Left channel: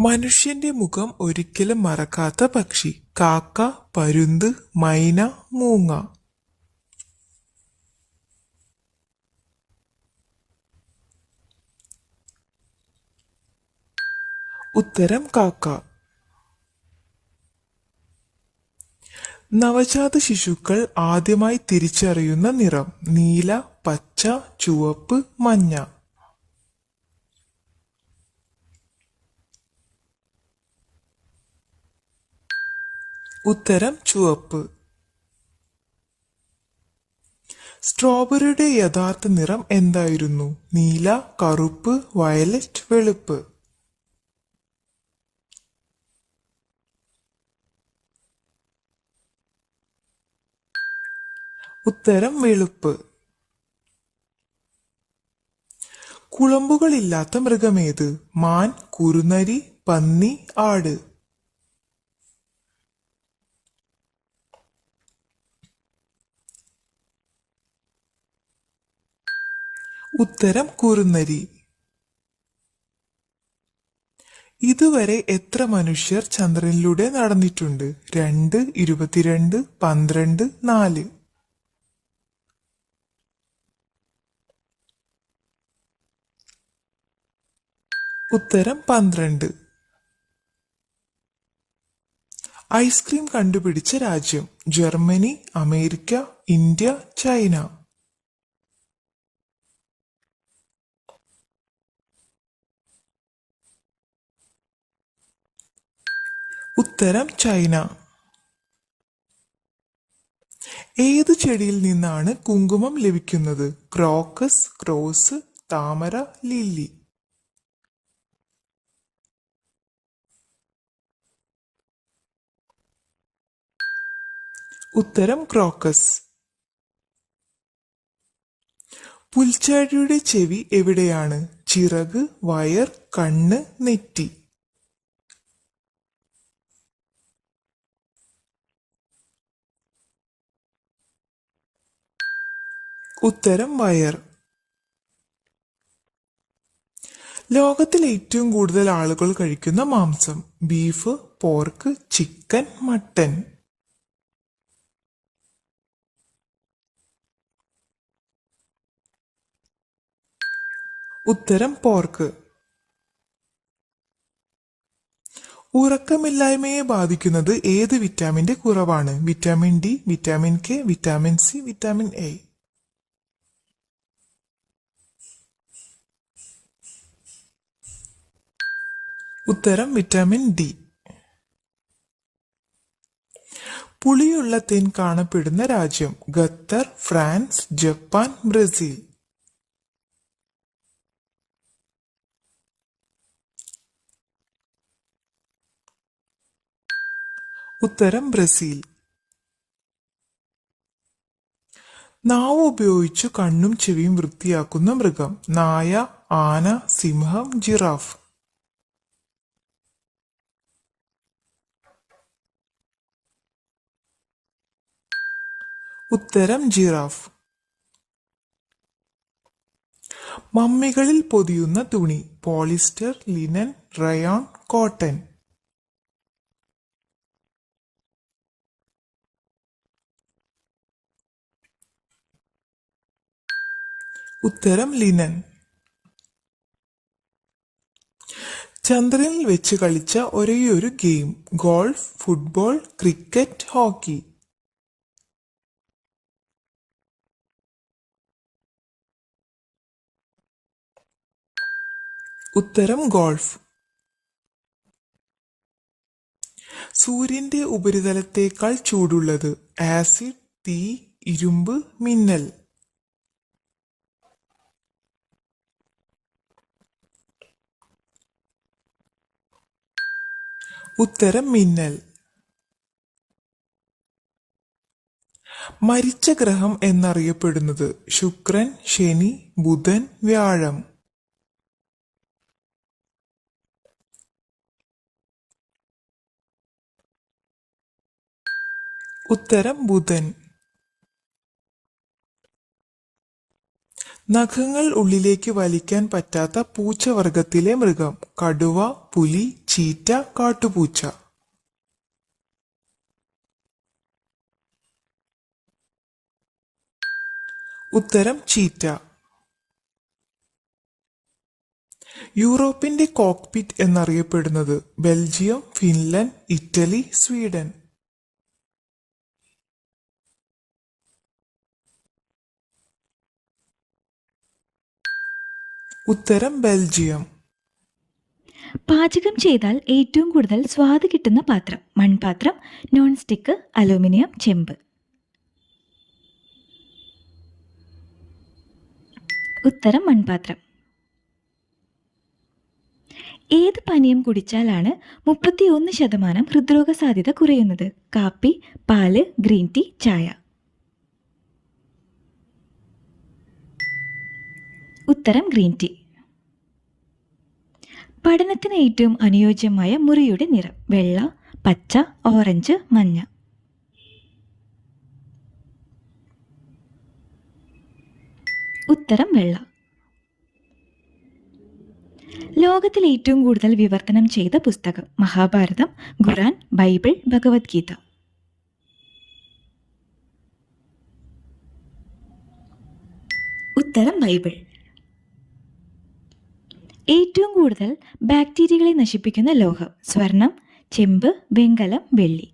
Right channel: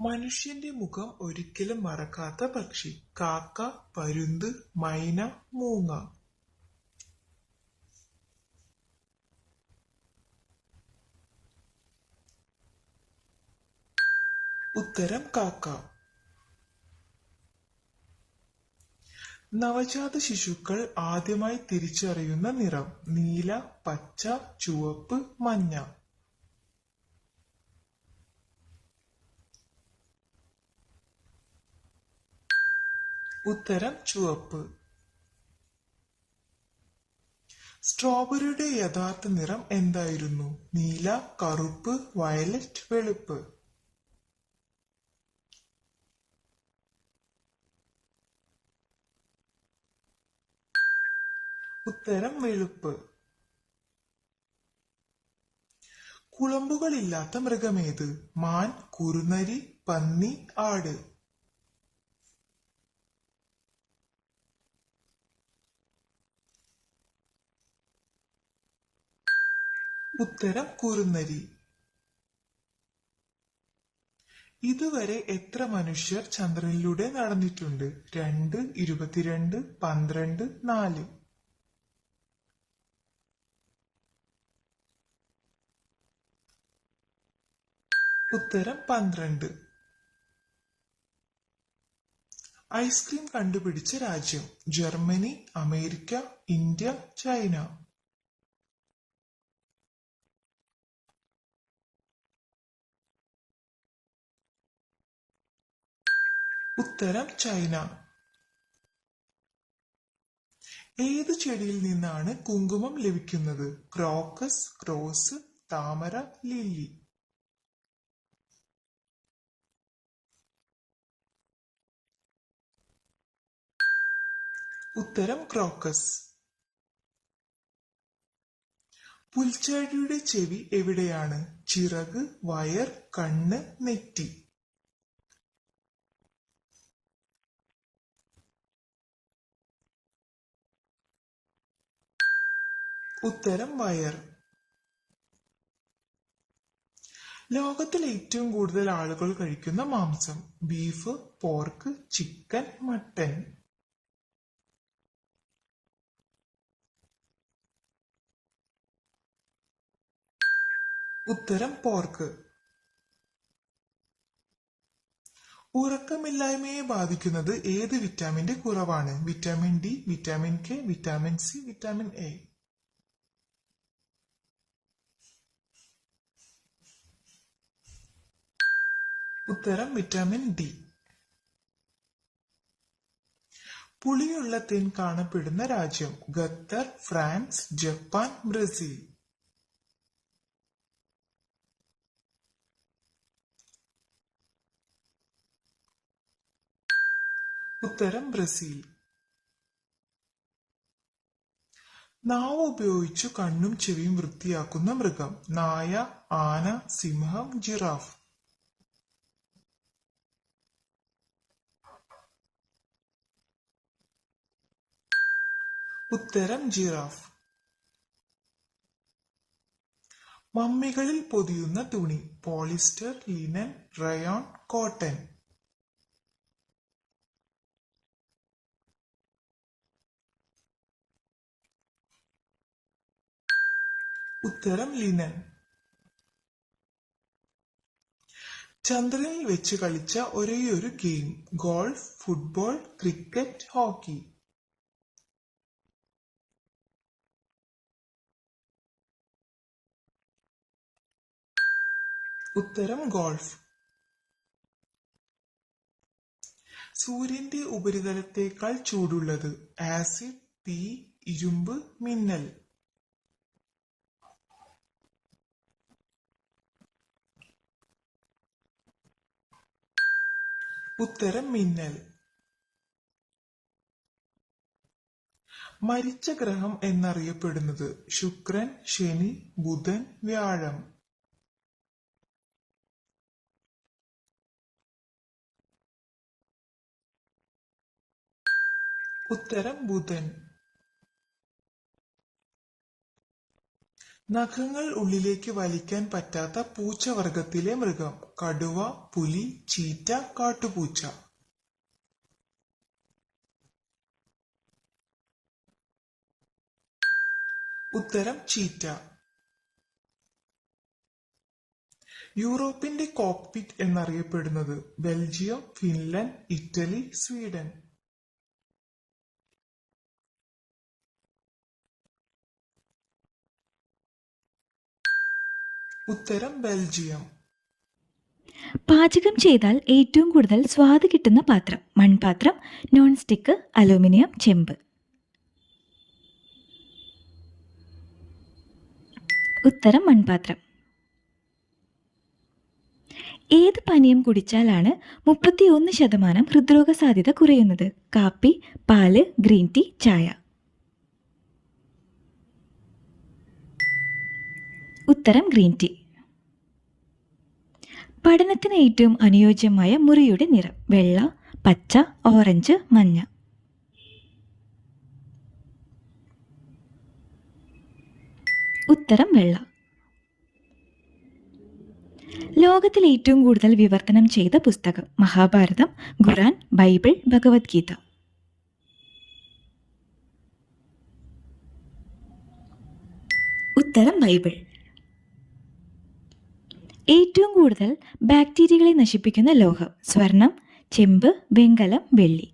മനുഷ്യന്റെ മുഖം ഒരിക്കലും മറക്കാത്ത പക്ഷി. കാക്ക പരുന്ത് മൈന മൂങ്ങ. ഉത്തരം കാക്ക. നവജാത ശിശുക്കൾ ആദ്യമായി തിരിച്ചറിയുന്ന നിറം. നീല പച്ച ചുവപ്പ് മഞ്ഞ. ഉത്തരം ചുവപ്പ്. സ്ട്രോബെറിയുടെ യഥാർത്ഥ നിറം എന്തായിരുന്നു? നീല കറുപ്പ് വയലറ്റ് വെളുപ്പ്. ഉത്തരം വെളുപ്പ്. കുളമ്പുകളില്ലാത്ത മൃഗമേത്? മാൻ കുറുനരി പന്നി ആട്. ഉത്തരം കുറുനരി ഇതുവരെ എത്ര മനുഷ്യർ ചന്ദ്രനിലൂടെ നടന്നിട്ടുണ്ട്? രണ്ട് ഇരുപത്തിരണ്ട് പന്ത്രണ്ട് നാല്. ഉത്തരം പന്ത്രണ്ട്. ഐസ്ക്രീം കണ്ടുപിടിച്ച രാജ്യം. Germany America India China. ഉത്തരം ചൈന. ഏത് ചെടിയിൽ നിന്നാണ് കുങ്കുമം ലഭിക്കുന്നത്? ക്രോക്കസ് ക്രോസ് താമര ലില്ലി. ഉത്തരം ക്രോക്കസ്. പുൽച്ചാടിയുടെ ചെവി എവിടെയാണ്? ചിറക് വയർ കണ്ണ് നെറ്റി. ഉത്തരം വയർ. ലോകത്തിൽ ഏറ്റവും കൂടുതൽ ആളുകൾ കഴിക്കുന്ന മാംസം ബീഫ് പോർക്ക് ചിക്കൻ മട്ടൻ ഉത്തരം പോർക്ക് ഉറക്കമില്ലായ്മയെ ബാധിക്കുന്നത് ഏത് വിറ്റാമിന്റെ കുറവാണ്? Vitamin D vitamin K vitamin C vitamin A ഉത്തരം വിറ്റാമിൻ ഡി പുളിയുള്ള തേൻ കാണപ്പെടുന്ന രാജ്യം ഖത്തർ ഫ്രാൻസ് ജപ്പാൻ ബ്രസീൽ. ഉത്തരം ബ്രസീൽ. നാവ് ഉപയോഗിച്ചു കണ്ണും ചെവിയും വൃത്തിയാക്കുന്ന മൃഗം നായ ആന സിംഹം ജിറാഫ്. ഉത്തരം ജിറാഫ്. മമ്മികളിൽ പൊതിയുന്ന തുണി പോളിസ്റ്റർ ലിനൻ റയോൺ കോട്ടൺ. ഉത്തരം ലിനൻ. ചന്ദ്രനിൽ വെച്ച് കളിച്ച ഒരേയൊരു game golf football cricket hockey. ഉത്തരം ഗോൾഫ്. സൂര്യന്റെ ഉപരിതലത്തേക്കാൾ ചൂടുള്ളത് ആസിഡ് തീ ഇരുമ്പ് മിന്നൽ. ഉത്തരം മിന്നൽ. മരിച്ച ഗ്രഹം എന്നറിയപ്പെടുന്നത് ശുക്രൻ ശനി ബുധൻ വ്യാഴം. ഉത്തരം ബുധൻ. നഖങ്ങൾ ഉള്ളിലേക്ക് വലിക്കാൻ പറ്റാത്ത പൂച്ചവർഗത്തിലെ മൃഗം. കടുവ പുലി ചീറ്റ കാട്ടുപൂച്ച. ഉത്തരം ചീറ്റ. യൂറോപ്പിന്റെ കോക്പിറ്റ് എന്നറിയപ്പെടുന്നത് ബെൽജിയം ഫിൻലൻഡ് ഇറ്റലി സ്വീഡൻ. ഉത്തരം ബെൽജിയം. പാചകം ചെയ്താൽ ഏറ്റവും കൂടുതൽ സ്വാദ് കിട്ടുന്ന പാത്രം മൺപാത്രം നോൺ സ്റ്റിക്ക് അലൂമിനിയം ചെമ്പ്. ഉത്തരം മൺപാത്രം. ഏത് പാനീയം കുടിച്ചാലാണ് മുപ്പത്തിയൊന്ന് ശതമാനം ഹൃദ്രോഗ സാധ്യത കുറയുന്നത്? കാപ്പി പാൽ ഗ്രീൻ ടീ ചായ. ഉത്തരം ഗ്രീൻ ടീ. പഠനത്തിന് ഏറ്റവും അനുയോജ്യമായ മുറിയുടെ നിറം വെള്ള പച്ച ഓറഞ്ച് മഞ്ഞ. ഉത്തരം വെള്ള. ലോകത്തിൽ ഏറ്റവും കൂടുതൽ വിവർത്തനം ചെയ്ത പുസ്തകം മഹാഭാരതം ഖുറാൻ ബൈബിൾ ഭഗവത്ഗീത. ഉത്തരം ബൈബിൾ. ഏറ്റവും കൂടുതൽ ബാക്ടീരിയകളെ നശിപ്പിക്കുന്ന ലോഹം. സ്വർണം ചെമ്പ് വെങ്കലം വെള്ളി.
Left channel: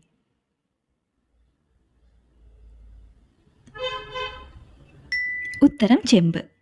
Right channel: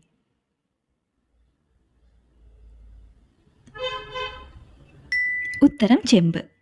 ഉത്തരം ചെമ്പ്.